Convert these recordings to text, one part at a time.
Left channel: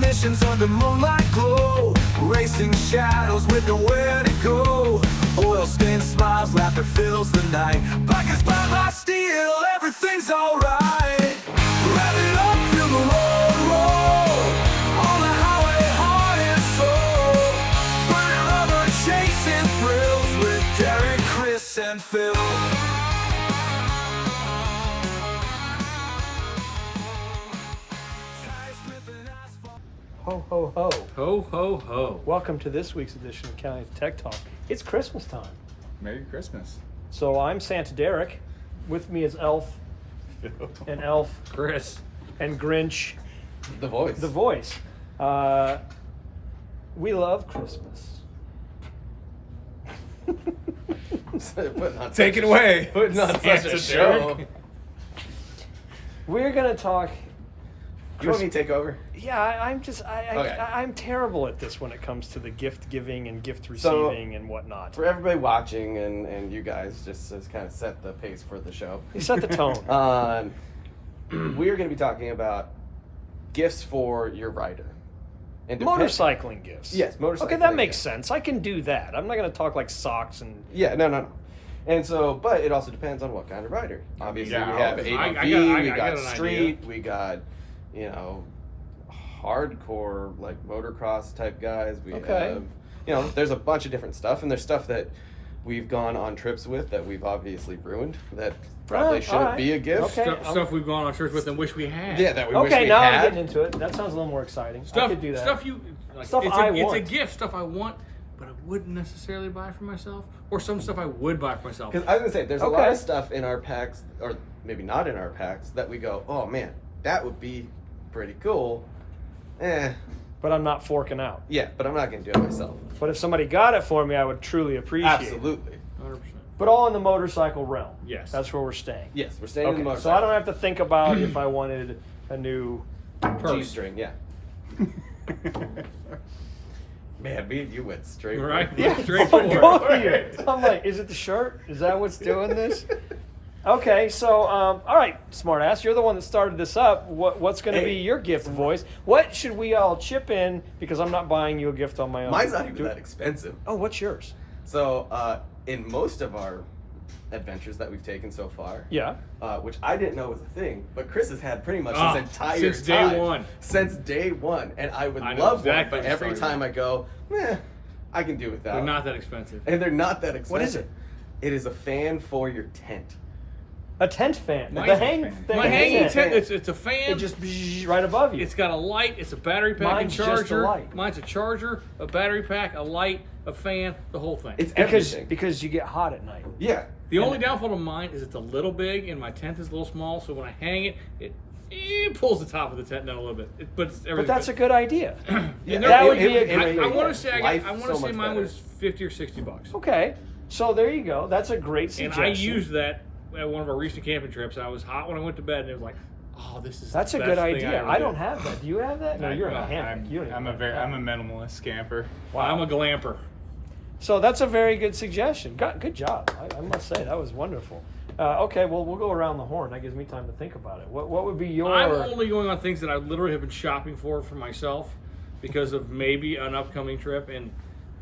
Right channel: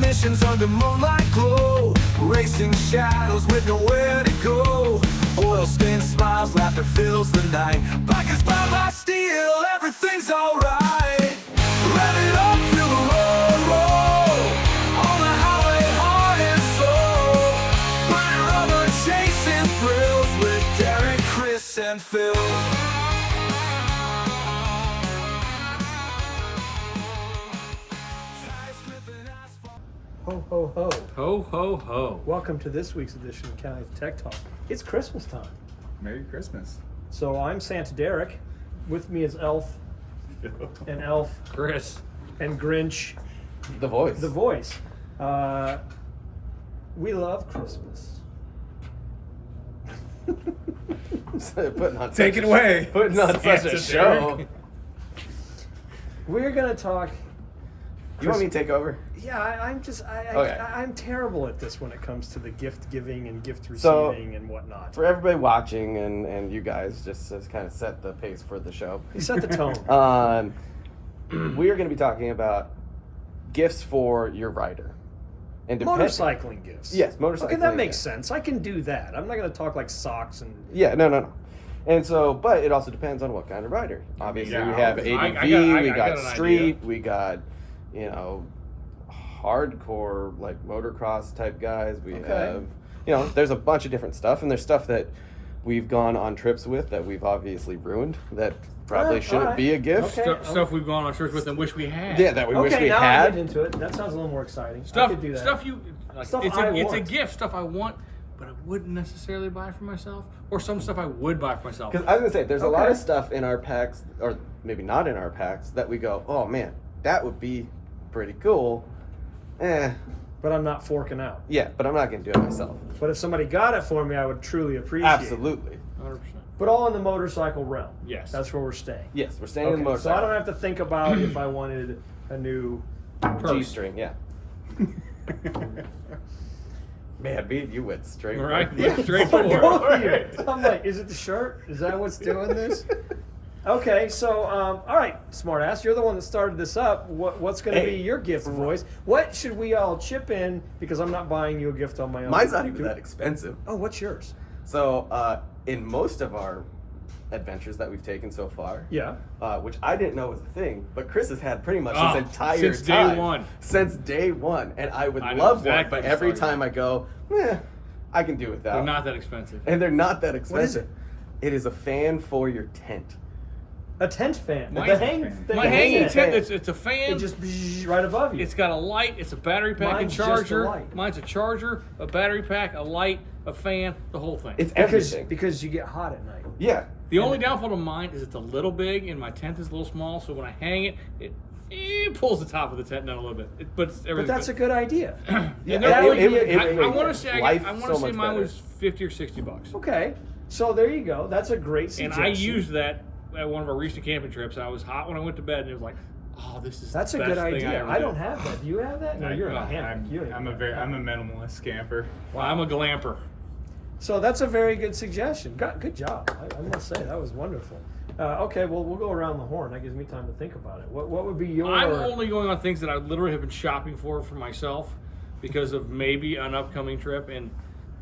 missions under moonlight glow, racing shadows with nowhere to go. Oil-stained smiles, laughter fills the night. Bike inspired by steel, everything's alright. Rev it up, feel the road roll, on the highway, heart and soul. Burning rubber, chasing thrills with Derek, Chris, and Phil. Ho, ho, ho. Ho, ho, ho. Welcome to this week's edition of Caliente Tech Talk. It's Christmas time. Merry Christmas. So I'm Santa Derek. With me is Elf and Elf Chris. and Grinch, The voice. the voice. We love Christmas. Take it away. Putting on such a Santa show. Derek. We're going to talk. You want me to take over? Yeah, Okay. I'm terrible at this when it comes to the gift giving and gift receiving and whatnot. For everybody watching and you guys, just to kind of set the pace for the show. You set the tone. We are going to be talking about gifts for your rider. And Motorcycling gifts. Yes, motorcycling. Okay, that makes gifts. sense. I can do that. I'm not going to talk like socks and. Yeah, no. And so, but it also depends on what kind of rider. Obviously, yeah, we have ADV, I got we an got idea. street, we got, hardcore, like motocross type guys. We Okay. have, there's a bunch of different stuff, and there's stuff that we've gone on trips with that we've obviously ruined that probably shouldn't alright. be a gift. Okay. Stuff we've gone on trips with and wish we had. Yeah, that we wish Okay, we now I'm had. getting into it. That sounds a little more exciting. I Stuff, could do that. stuff you like. Stuff it's I a want. gift. Stuff I want, but I wouldn't necessarily buy for myself. Or some stuff I would buy for myself. Because I was gonna say, there's a Okay. lot of stuff in our packs, or maybe not in our packs, that we go, oh man, that would be pretty cool. But I'm not forking out. Yeah, but I'm not gonna do it myself. But if somebody got it for me, I would truly appreciate it. Absolutely. 100%. But all in the motorcycle realm. Yes. That's where we're staying. Yes, we're staying in the Okay, motorcycle. so I don't have to think about if I wanted a new purse. G-string, yeah. Man, me and you went straight. Right? Yeah. Straight Both forward. of you. I'm like, is it the shirt? Is that what's doing this? Okay, so all right, smartass, you're the one that started this up. What's going to be Hey. your gift voice? What should we all chip in? Because I'm not buying you a gift on my own. Mine's not even that expensive. Oh, what's yours? So, in most of our adventures that we've taken so far, Yeah. which I didn't know was a thing, but Chris has had pretty much Ah, his entire since day time. one. Since day one, and I would I know love exactly that. what But you're every talking time I go, I can do without. They're not that expensive. and they're not that expensive. What is it? It is a fan for your tent. A tent fan. My- the hang, My hanging tent, It it's a fan. just bzzz right above you. It's got a light, it's a battery pack Mine's and just a charger. light. Mine's a charger, a battery pack, a light, a fan, the whole thing. It's because everything. you get hot at night. Yeah. The only downfall to mine is it's a little big and my tent is a little small, so when I hang it, it pulls the top of the tent down a little bit. But it's But everything. that's a good idea. And Yeah, there- that would be a I great want idea. to say Life I want to so say much mine better. was $50 or $60, Okay, so there you go. That's a great and suggestion. I used that at one of our recent camping trips. I was hot when I went to bed, and it was like, oh, this is That's the a best good thing idea. ever I did. don't have that. Do you have that? No, you're in a I'm, hammock. You don't I'm a even very have I'm a that. minimalist camper. I'm a glamper. So that's a very good suggestion. Good job. I must say that was wonderful. Okay, well we'll go around the horn. That gives me time to think about it. What would be your? I'm only going on things that I literally have been shopping for myself because of maybe an upcoming trip, and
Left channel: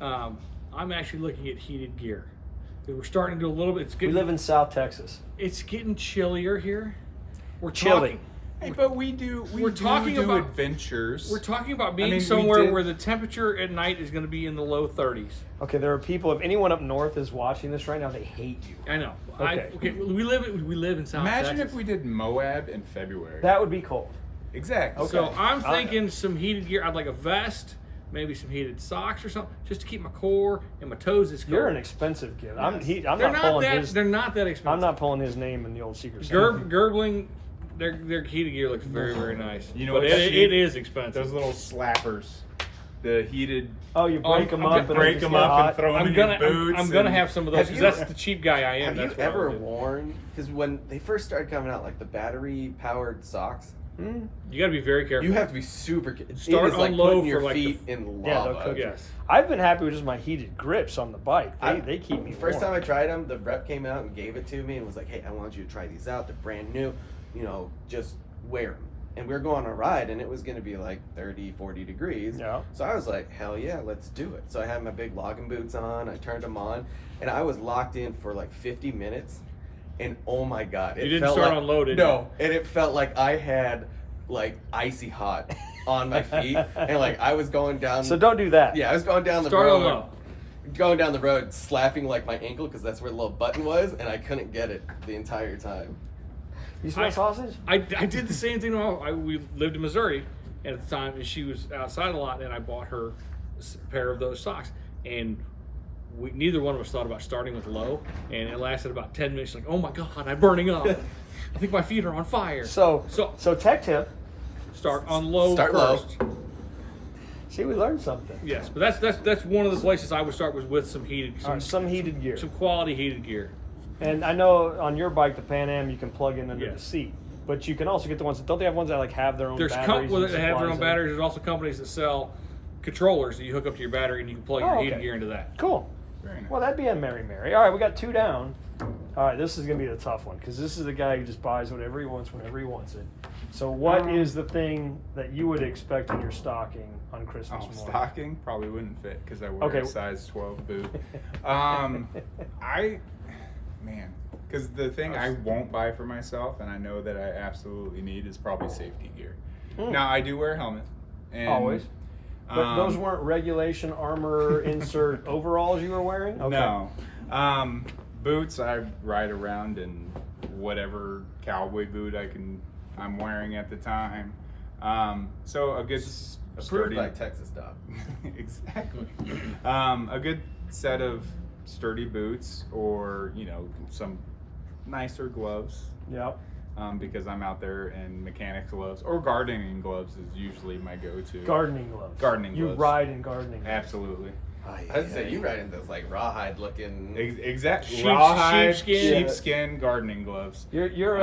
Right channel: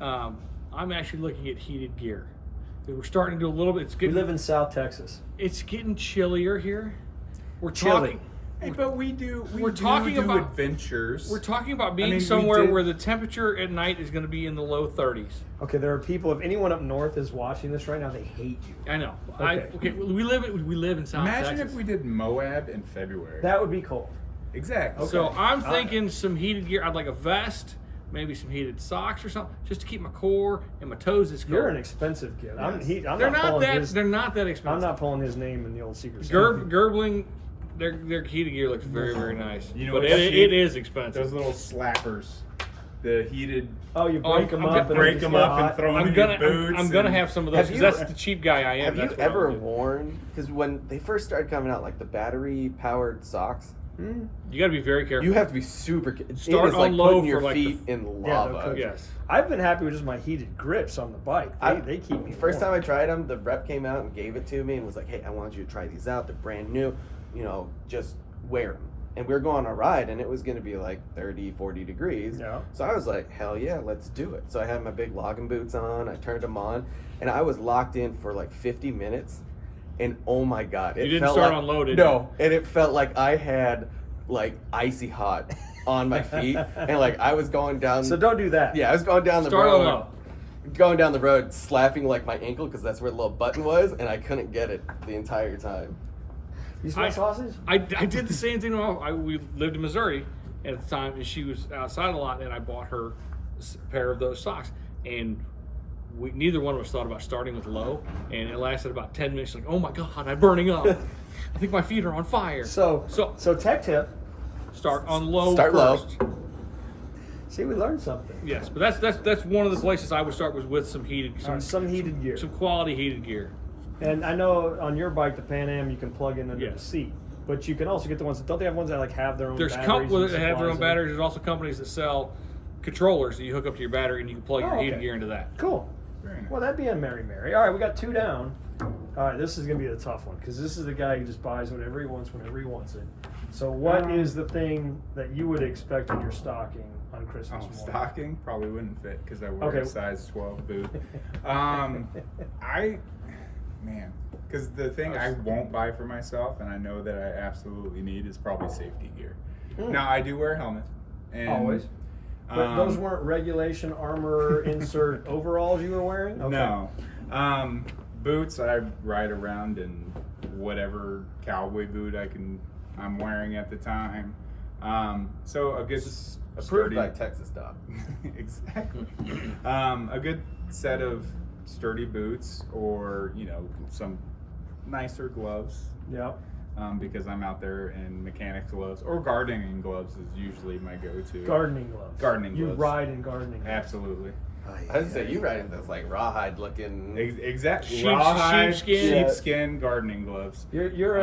I'm actually looking at heated gear. We're starting to do a little bit. It's We getting live in South Texas. it's getting chillier here. We're Chilly. talking. Hey, but we do talking about- adventures. We're talking about being mean, we somewhere did- where the temperature at night is going to be in the low 30s. Okay, there are people. If anyone up north is watching this right now, they hate you. I know. Okay. We live in South Imagine Texas. if we did Moab in February. That would be cold. Exactly. So Okay. I'm thinking some heated gear. I'd like a vest, maybe some heated socks or something, just to keep my core and my toes as cold. You're an expensive kid. I'm They're not not pulling that. his. They're not that expensive. I'm not pulling his name in the old secret. Service. Garbling. Their heated gear looks very, very nice. You know but what's it cheap? is expensive. Those little slappers, the heated. Oh, you break them I'm up gonna and they break just them get up and hot? throw them I'm in gonna your boots. I'm gonna and- have some of those Have because you- that's the cheap guy I am. Have That's you what I ever would do. worn? Because when they first started coming out, like the battery-powered socks, Hmm? You got to be very careful. you have to be super. Start it is on like low putting your for, like, the- feet in Yeah, lava. they'll cook you. Yes. I've been happy with just my heated grips on the bike. They keep me The first warm. time I tried them, the rep came out and gave it to me and was like, "Hey, I want you to try these out. They're brand new. Just wear them." And we were going on a ride, and it was going to be like 30, 40 degrees. Yeah. So I was like, hell yeah, let's do it. So I had my big logging boots on. I turned them on, and I was locked in for like 50 minutes. And oh my God. You didn't felt start like, on low, did you? No. And it felt like I had like icy hot on my feet. And like I was going down. So don't do that. Yeah, I was going down the Start road. on low. Going down the road, slapping like my ankle because that's where the little button was, and I couldn't get it the entire time. You smell sausage? I did the same thing. We lived in Missouri at the time, and she was outside a lot, and I bought her a pair of those socks. And neither one of us thought about starting with low, and it lasted about 10 minutes. Like, oh my God, I'm burning up. I think my feet are on fire. So tech tip. Start on low Start low. first. See, we learned something. Yes, but that's one of the places I would start was with some heated, Some heated gear. some quality heated gear. And I know on your bike, the Pan Am, you can plug in under the Yes. seat. But you can also get the ones that don't they have ones that like have their own There's batteries? that and have their supplies own in? batteries. There's also companies that sell controllers that you hook up to your battery and you can plug your Oh, heated okay. gear into that. Cool. Very nice. Well, that'd be a Mary. All right, we got 2 down. All right, this is going to be the tough one because this is the guy who just buys whatever he wants whenever he wants it. So what is the thing that you would expect in your stocking on Christmas morning? Stocking probably wouldn't fit because I wear Okay. a size 12 boot. Because the thing I won't buy for myself, and I know that I absolutely need, is probably safety gear. Now I do wear a helmet. And, Always. But those weren't regulation armor insert overalls you were wearing? Okay. No. Boots, I ride around in whatever cowboy boot I'm wearing at the time. So a good Approved sturdy, by Texas Dog. exactly. A good set of sturdy boots, or some nicer gloves. Yeah. Because I'm out there in mechanics gloves, or gardening gloves is usually my go-to. Gardening gloves. Gardening You gloves. ride in gardening gloves. Absolutely. I was gonna say you ride in this like rawhide looking. Exactly. Rawhide, sheepskin. sheepskin gardening gloves. You're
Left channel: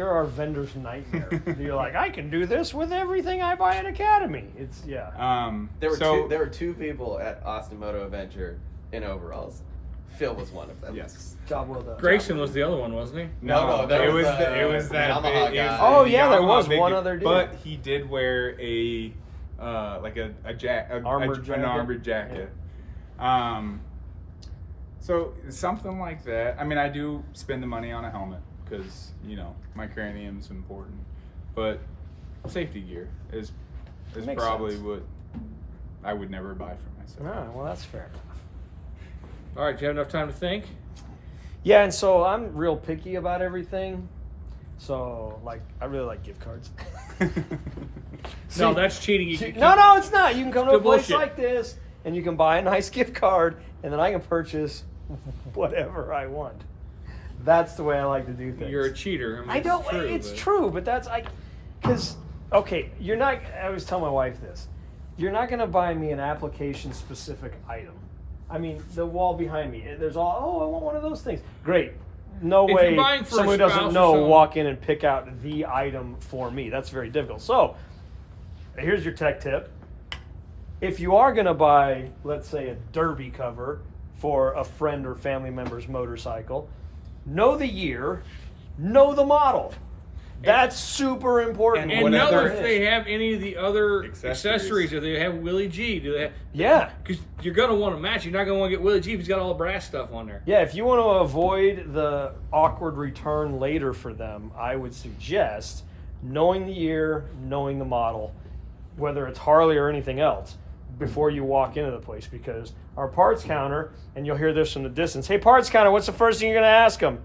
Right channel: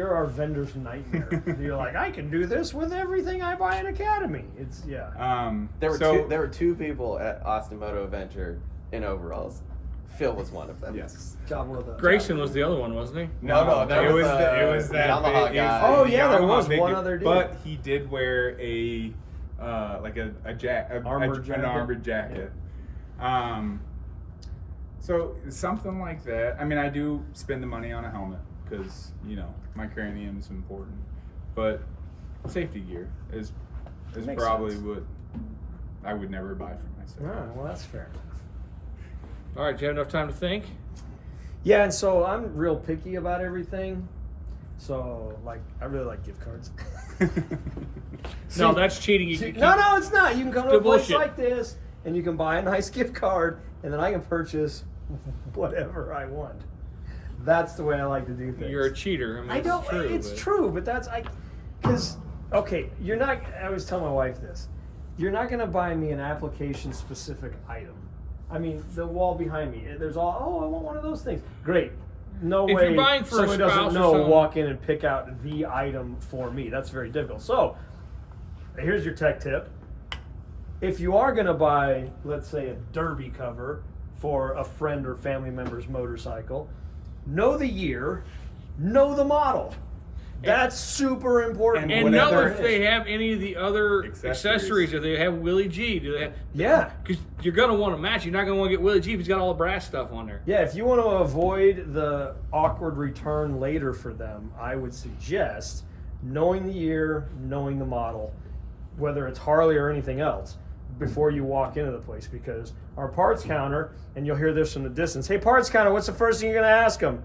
our vendor's nightmare. You're like, I can do this with everything I buy at Academy. It's There were two people at Austin Moto Adventure in overalls. Phil was one of them. Yes. job well done. Grayson was the other one, wasn't he? No, it was that Yamaha big. guy. Oh, yeah, there Yamaha was big one dude. other dude. But he did wear a Armored jacket. an armored jacket. So something like that. I mean, I do spend the money on a helmet because my cranium's important, but safety gear is Makes probably sense. what I would never buy for myself. Oh, well, that's fair. All right, do you have enough time to think? Yeah, and so I'm real picky about everything. So, I really like gift cards. No, that's cheating. No, it's not. You can come to a Good place bullshit. like this, and you can buy a nice gift card, and then I can purchase whatever I want. That's the way I like to do things. You're a cheater. I mean, I don't. It's true, but because you're not. I always tell my wife this. You're not going to buy me an application-specific item. I mean, the wall behind me. There's I want one of those things. Great. No If way. you're buying for a someone doesn't spouse or know. something- Walk in and pick out the item for me. That's very difficult. So, here's your tech tip. If you are going to buy, let's say, a derby cover for a friend or family member's motorcycle, know the year, know the model. That's super important. And whatever know it if is. they have any of the other Accessories. accessories. Do they have Willie G? Do they have? Yeah. Because you're gonna want to match. You're not gonna want to get Willie G if he's got all the brass stuff on there. Yeah, if you want to avoid the awkward return later for them, I would suggest knowing the year, knowing the model, whether it's Harley or anything else, before you walk into the place. Because our parts counter, and you'll hear this from the distance, hey, parts counter, what's the first thing you're going to ask them?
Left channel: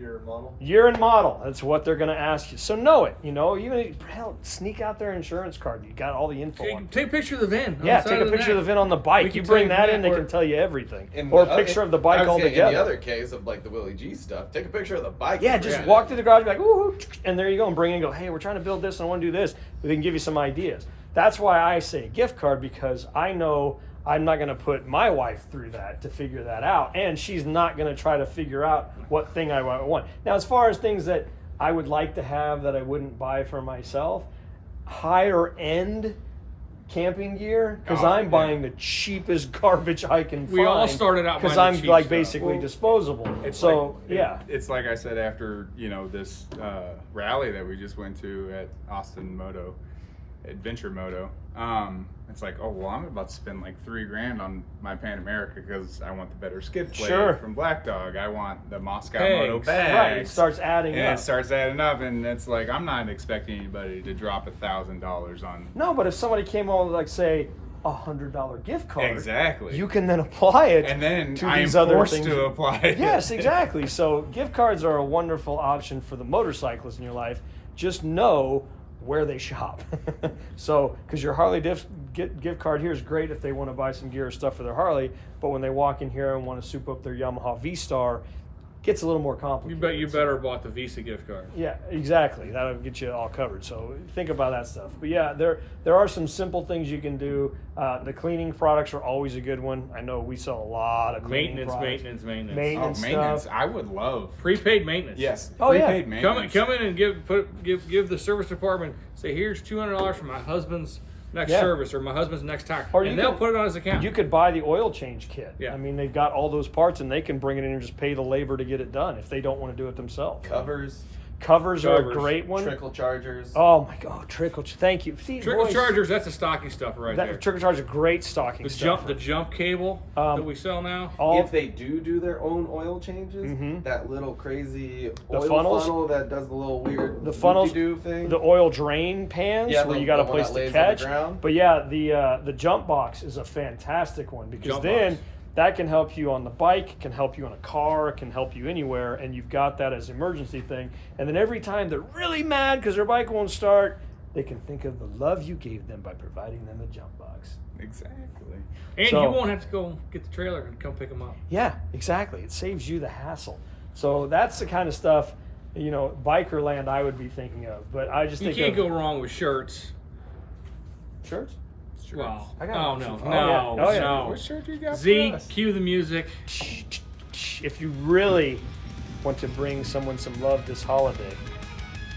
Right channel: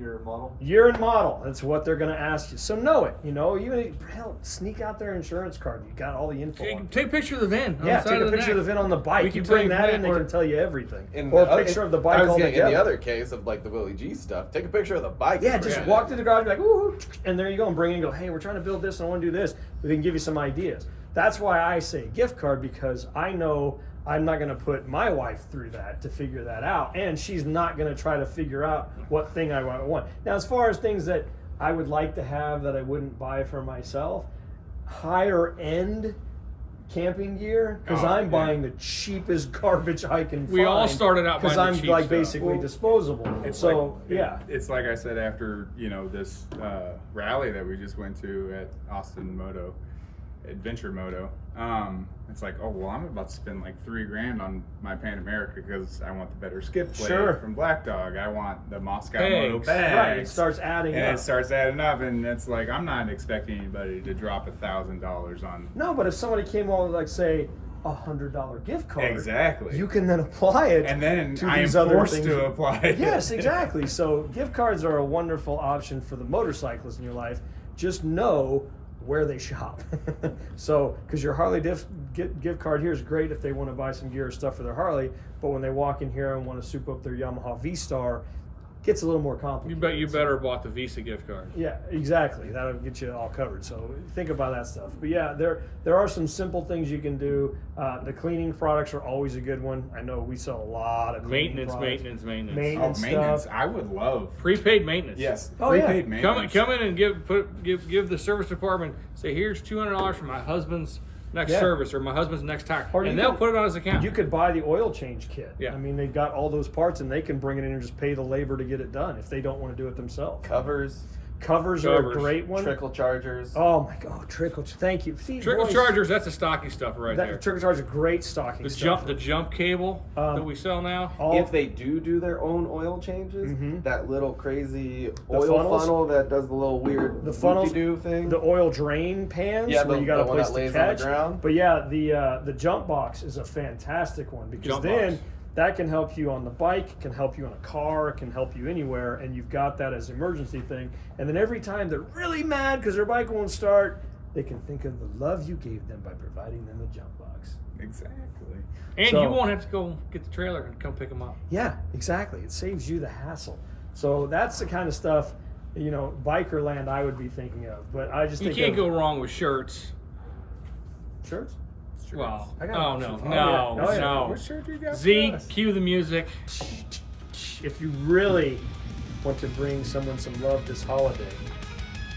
Your model? Year and model. That's what they're going to ask you. So know it. Even sneak out their insurance card. You got all the info on it. Take a picture of the VIN. on Yeah, the side take a of the picture of the neck. VIN on the bike. We You can bring tell that you in, they where- can tell you everything. In Or a the picture other- of the bike I was saying, altogether. in the other case of the Willie G stuff, take a picture of the bike. Yeah, just Yeah. walk to the garage and be like, ooh, and there you go, and bring it and go, hey, we're trying to build this and I want to do this. They can give you some ideas. That's why I say gift card, because I know I'm not going to put my wife through that to figure that out, and she's not going to try to figure out what thing I want. Now, as far as things that I would like to have that I wouldn't buy for myself, higher end camping gear because Oh, I'm yeah. buying the cheapest garbage I can find. We all started out because buying I'm the cheap like stuff. basically Well, disposable. It's So like, yeah, it's like I said after this rally that we just went to at Austin Moto, Adventure Moto. It's like, oh well, I'm about to spend like $3,000 on my Pan America because I want the better skid plate Sure. from Black Dog. I want the Moscow Pegs. Moto bags. right. It starts adding and up. it starts adding up, and it's like I'm not expecting anybody to drop $1,000 on. No, but if somebody came over with like say $100 gift card, Exactly. you can then apply it. And then to I am these other forced things. to apply it. Yes, exactly. So gift cards are a wonderful option for the motorcyclist in your life. Just know where they shop. So, because your Harley gift card here is great if they want to buy some gear or stuff for their Harley, but when they walk in here and want to soup up their Yamaha V-Star, gets a little more complicated. You better bought the Visa gift card. Yeah, exactly. That'll get you all covered. So think about that stuff. But yeah, there are some simple things you can do. The cleaning products are always a good one. I know we sell a lot of cleaning Maintenance. Oh, Maintenance maintenance! stuff. I would love. Prepaid maintenance. Yes, Oh, yeah. prepaid maintenance. Come in and give the service department, say, here's $200 for my husband's next Yeah. service or my husband's next tire, Or you and they'll can- put it on his account. You could buy the oil change kit. Yeah. I mean, they've got all those parts, and they can bring it in and just pay the labor to get it done if they don't want to do it themselves. Covers, Covers are a Covers. great one. trickle chargers. Oh my God, trickle! Thank you. See, Trickle boys, chargers, that's a stocking stuffer right there. Trickle chargers are great stocking The stuff. jump cable that we sell now. All If they do their own oil changes, Mhm. that little crazy The oil funnels? funnel that does the little weird the funnels, do thing. the oil drain pans Yeah, where the- you got a the one place that to lays on the catch. ground. But yeah, the jump box is a fantastic one because Jump then box. that can help you on the bike, it can help you on a car, it can help you anywhere, and you've got that as an emergency thing. And then every time they're really mad because their bike won't start, they can think of the love you gave them by providing them a jump box. Exactly. And So- you won't have to go get the trailer and come pick them up. Yeah, exactly. It saves you the hassle. So that's the kind of stuff, biker land I would be thinking of. But I just You think can't of go wrong with shirts. shirts. Well, I got oh one. no, Oh, no, yeah. Oh, yeah. no. What shirt do you got Z, for us? cue the music. If you really want to bring someone some love this holiday,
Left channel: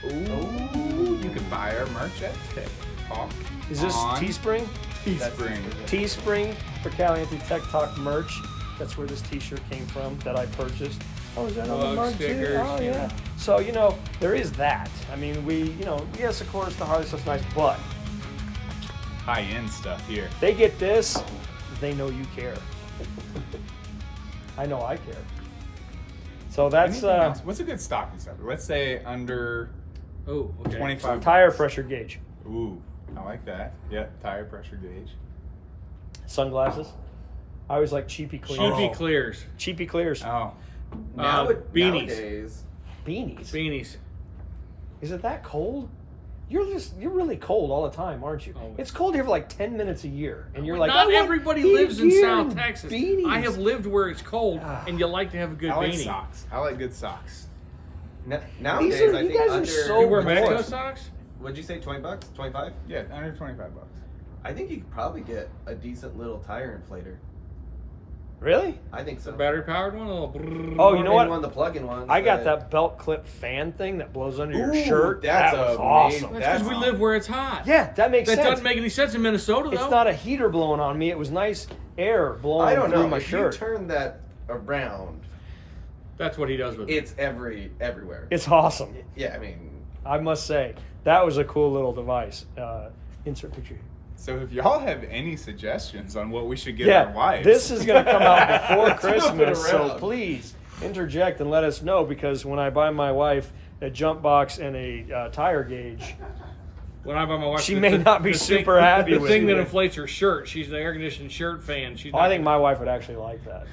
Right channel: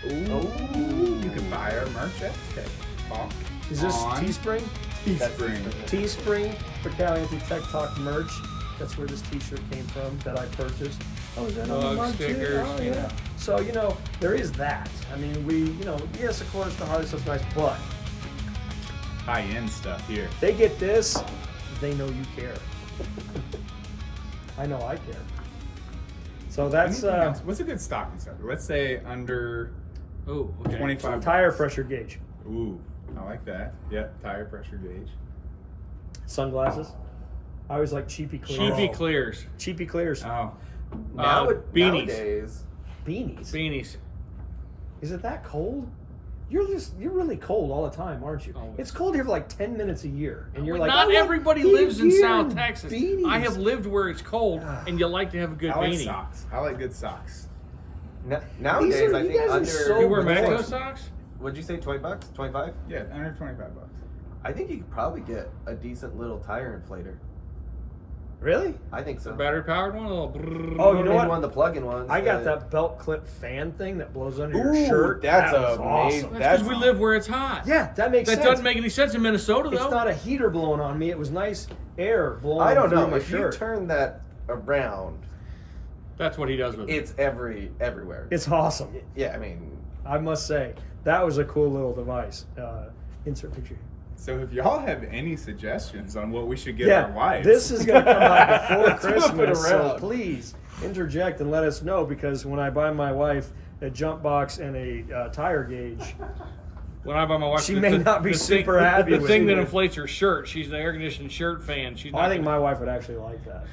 Ooh, you can buy our merch at Tech Talk. is this on Teespring? Teespring. Teespring for Caliente Tech Talk merch. That's where this T-shirt came from that I purchased. Oh, is that on the Mug mug stickers, too? Oh, you yeah. know. So there is that. I mean, yes, of course, the Harley stuff's nice, but High-end stuff here. they get this, they know you care. I know I care. So that's Anything else? What's a good stocking stuffer? Let's say under Oh, okay. 25. tire bucks. pressure gauge, Ooh, I like that. Yep, tire pressure gauge. sunglasses. I always like cheapy clears. Cheapy clears. Cheapy clears. Oh, Beanies. Nowadays, Beanies. Beanies. Is it that cold? You're really cold all the time, aren't you? Always. It's cold here for like 10 minutes a year, and you're Well, like, not I want everybody beanie lives in gear South and Texas. beanies. I have lived where it's cold, Ah. and you like to have a good I like beanie. socks. I like good socks. nowadays These are- I you think guys are under, so You wear bored. Matco socks? What'd you say? $20? 25? Yeah, under 25 bucks. I think you could probably get a decent little tire inflator. Really? I think so. Battery powered one? A little brrrr. Oh, you know what? One, the plug-in ones. I got but- that belt clip fan thing that blows under your Ooh, shirt. that's That was amazing. awesome. That's because we live where it's hot. Yeah, that makes That sense. doesn't make any sense in Minnesota, though. It's not a heater blowing on me. It was nice air blowing I don't through know. my If shirt. you turn that around, That's what he does with it. it's everywhere. It's awesome. Yeah, I mean, I must say that was a cool little device. Insert picture. So if y'all have any suggestions on what we should get Yeah, our wives, this is going to come out before Let's move it Christmas, so around. please interject and let us know, because when I buy my wife a jump box and a tire gauge, When I buy my wife, She may not be super happy The with thing it. that inflates her shirt. She's an air conditioned shirt fan. She's. Not I think gonna- my wife would actually like that.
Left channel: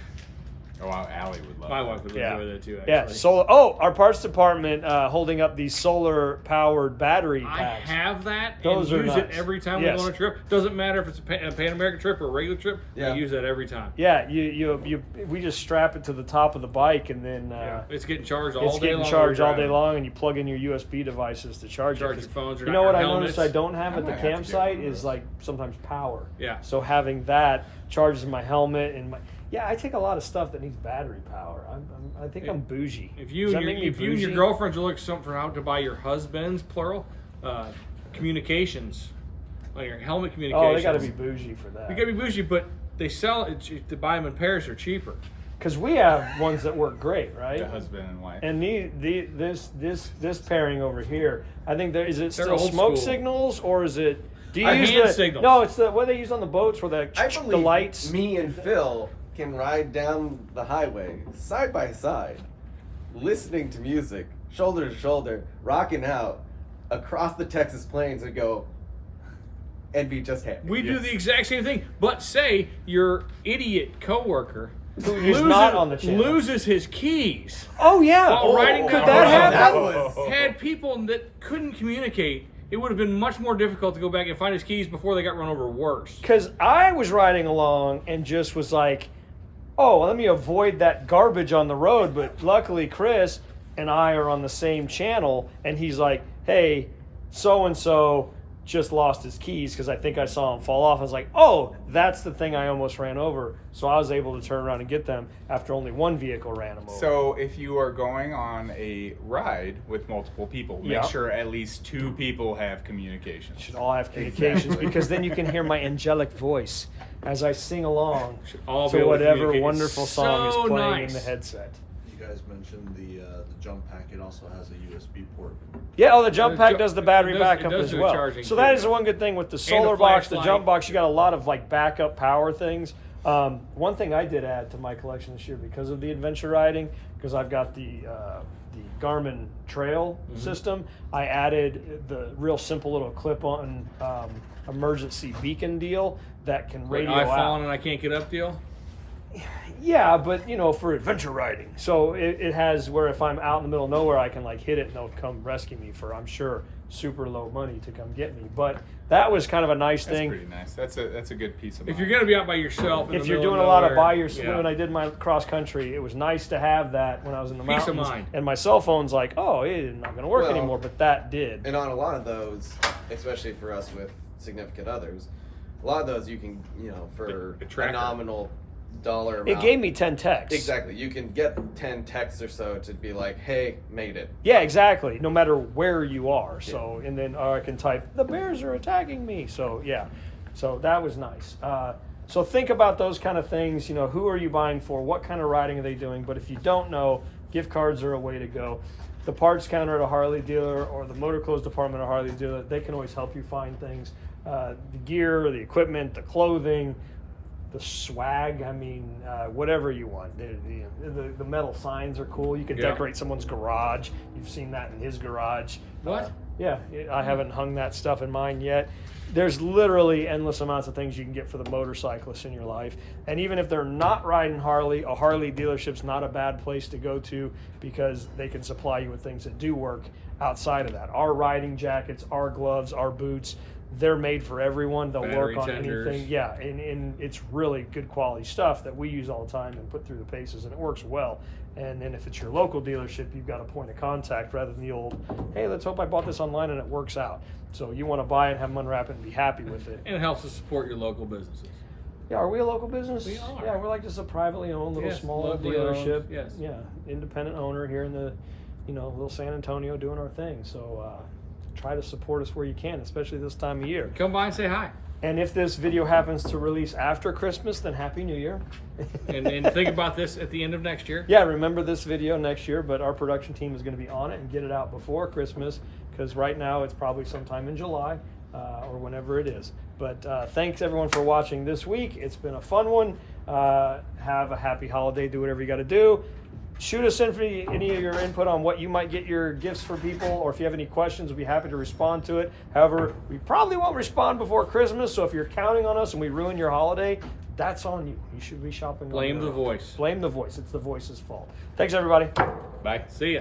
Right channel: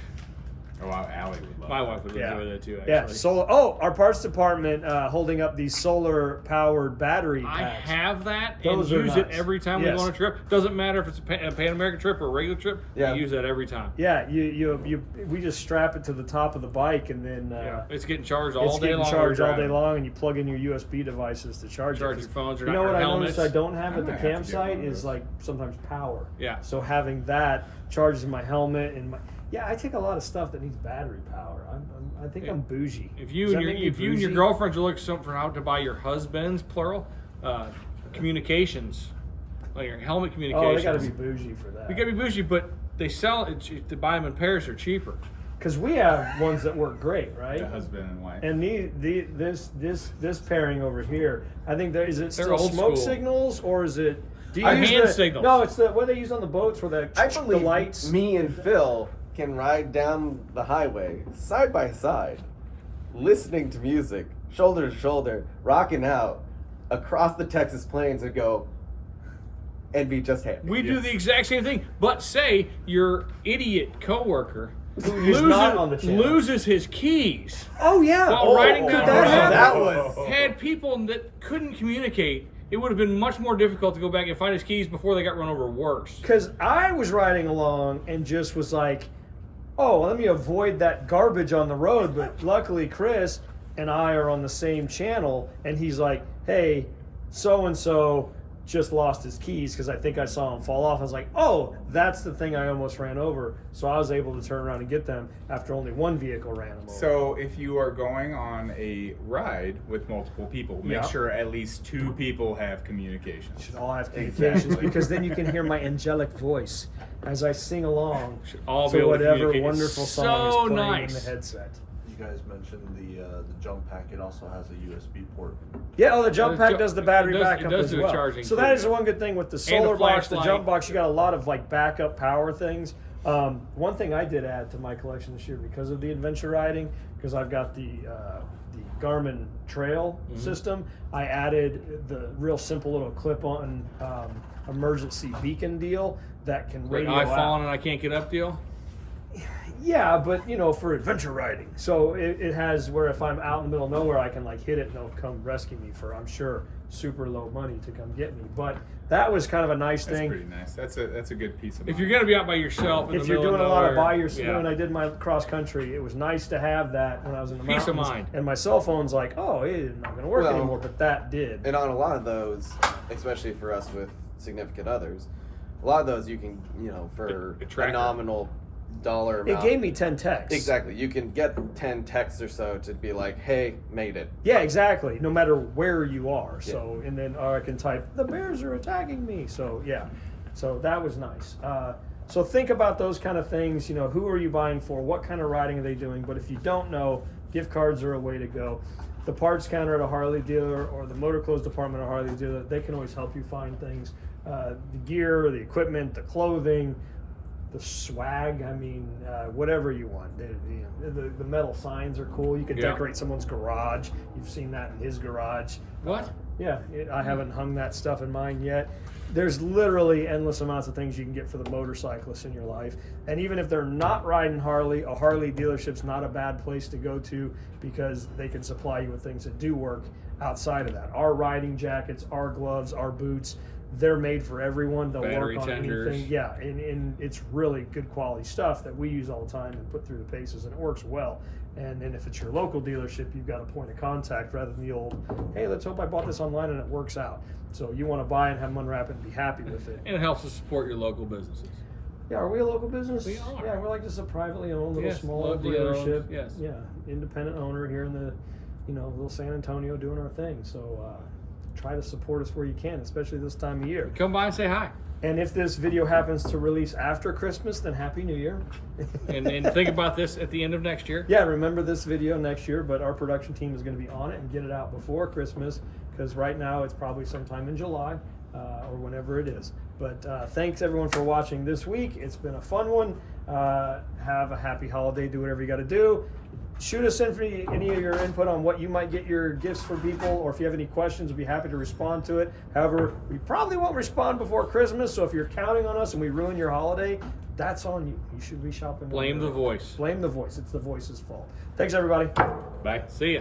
oh, Allie would love my that. wife would Yeah. enjoy that too. Actually. Yeah, solar. Oh, our parts department holding up these solar-powered battery I packs. have that Those are and use it nice. every time Yes. we go on a trip. Doesn't matter if it's a Pan American trip or a regular trip. Yeah. I use that every time. Yeah, we just strap it to the top of the bike, and then It's getting charged all it's day getting long. charged while all you're day driving. long, and you plug in your USB devices to charge Charge it. your phones or You not know what your I noticed helmets. I don't have I at the might have to get campsite one of is those. like sometimes power. Yeah. So having that charges my helmet and my. Yeah, I take a lot of stuff that needs battery power. I think I'm bougie. If Does you that and your make me if you and your bougie? girlfriends are looking for something out to buy your husbands, plural, communications, on your helmet communications. Oh, they got to be bougie for that. You got to be bougie, but they sell it to buy them in pairs. They're cheaper. Because we have ones that work great, right? The husband and wife. And this pairing over here, I think is it They're still old smoke school. signals or is it? Do you Or use hand the signals. No, it's the what they use on the boats where I the believe lights. me and Phil can ride down the highway side by side, listening to music, shoulder to shoulder, rocking out across the Texas plains and go and be just happy. We do the exact same thing, but say your idiot coworker Who's not on the channel. loses his keys Oh yeah. while riding down the that road. happen? Had people that couldn't communicate, it would have been much more difficult to go back and find his keys before they got run over worse. Because I was riding along and just was like, oh, let me avoid that garbage on the road. But luckily, Chris and I are on the same channel, and he's like, hey, so-and-so just lost his keys because I think I saw him fall off. I was like, oh, that's the thing I almost ran over. So I was able to turn around and get them after only one vehicle ran them over. So if you are going on a ride with multiple people, make Yeah. sure at least 2 people have communication. Should all have communications because then you can hear my angelic voice as I sing along Should all be to able to whatever communicate. wonderful So song is playing nice. in the headset. You guys mentioned the jump pack. It also has a USB port. Yeah, the jump The pack ju- does the battery it does- backup it does as do the well. charging So too, that is the yeah. one good thing with the solar box, the flashlight. jump box. You got a lot of like backup power things. One thing I did add to my collection this year because of the adventure riding, because I've got the Garmin Trail Mm-hmm. system. I added the real simple little clip-on emergency beacon deal that can Like radio I've out. fallen and I can't get up deal. Yeah, but for adventure riding. So it has where if I'm out in the middle of nowhere, I can like hit it and they'll come rescue me for, I'm sure, super low money to come get me. But that was kind of a nice That's thing. pretty nice. That's a good piece of mind. If you're going to be out by yourself, in If the you're middle doing a lot of nowhere, by yourself, yeah. when I did my cross country, it was nice to have that when I was in the Peace of mountains. mind. And my cell phone's like, oh, it's not going to work Well, anymore, but that did. And on a lot of those, especially for us with significant others, a lot of those you can, for A a tracker. nominal dollar amount. It gave me 10 texts. Exactly. You can get 10 texts or so to be like, hey, made it. Yeah, exactly. No matter where you are. So, and then I can type, the bears are attacking me. So, yeah. So that was nice. So think about those kind of things. Who are you buying for? What kind of riding are they doing? But if you don't know, gift cards are a way to go. The parts counter at a Harley dealer or the motor clothes department at a Harley dealer, they can always help you find things. The gear, the equipment, the clothing, the swag, whatever you want. The metal signs are cool. You can Yeah. decorate someone's garage. You've seen that in his garage. What? Yeah, I haven't hung that stuff in mine yet. There's literally endless amounts of things you can get for the motorcyclists in your life. And even if they're not riding Harley, a Harley dealership's not a bad place to go to because they can supply you with things that do work outside of that. Our riding jackets, our gloves, our boots, they're made for everyone. They'll Battery work on tenders. anything. Yeah, and it's really good quality stuff that we use all the time and put through the paces, and it works well. And then if it's your local dealership, you've got a point of contact rather than the old, hey, let's hope I bought this online and it works out. So you want to buy and have them unwrap it and be happy with it. And it helps to support your local businesses. Yeah, are we a local business? We are. Yeah, we're like just a privately owned little Yes, small locally owned, dealership. yes. Yeah, independent owner here in the, little San Antonio doing our thing. So try to support us where you can, especially this time of year. Come by and say hi. And if this video happens to release after Christmas, then Happy New Year. And think about this at the end of next year. Yeah, remember this video next year, but our production team is going to be on it and get it out before Christmas because right now it's probably sometime in July or whenever it is. But thanks everyone for watching this week. It's been a fun one. Have a happy holiday. Do whatever you got to do. Shoot us in for any of your input on what you might get your gifts for people, or if you have any questions, we'll be happy to respond to it. However, we probably won't respond before Christmas, so if you're counting on us and we ruin your holiday, that's on you. You should be shopping. Blame the voice. Blame the voice. It's the voice's fault. Thanks, everybody. Bye. See ya.